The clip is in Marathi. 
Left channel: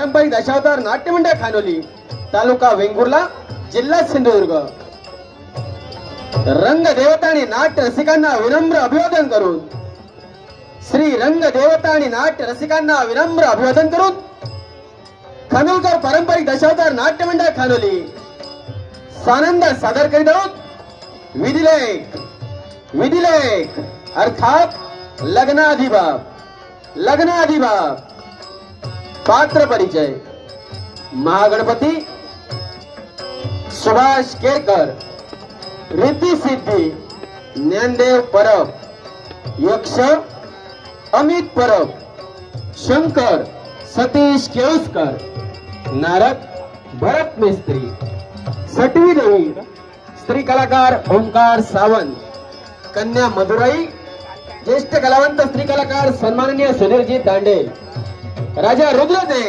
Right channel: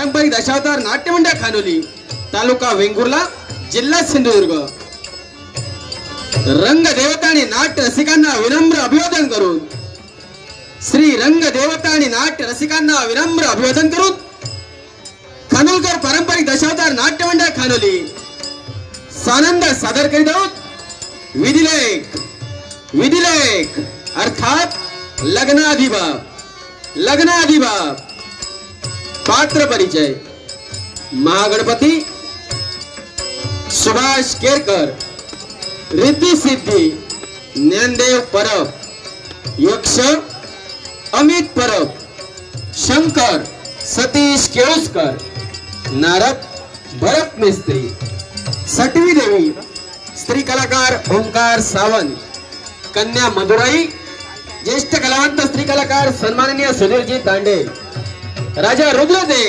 पारंपरिक दशावतार नाट्यमंडळ खानोली, तालुका वेंगुर्ला, जिल्हा सिंधुदुर्ग. रंग देवता आणि नाट्य रसिकांना विनम्र अभिवादन करून श्री रंग देवता आणि नाट्य रसिकांना विनम्र अभिवादन करून खानोलकर पारंपरिक दशावतार नाट्यमंडळ खानोली सानंद सादर करीत आहोत विधिलेख अर्थात लग्नाआधी बाब पात्र परिचय. महागणपती सुभाष केरकर, रिद्धी सिद्धी ज्ञानदेव परब, यक्ष अमित परब, शंकर सतीश केळुसकर, नारद भरत मिस्त्री, सटवी देवी स्त्री कलाकार ओंकार सावंत, कन्या मधुराई ज्येष्ठ कलावंत स्त्री कलाकार सन्माननीय सुधीरजी तांडे, राजा रुद्रदेव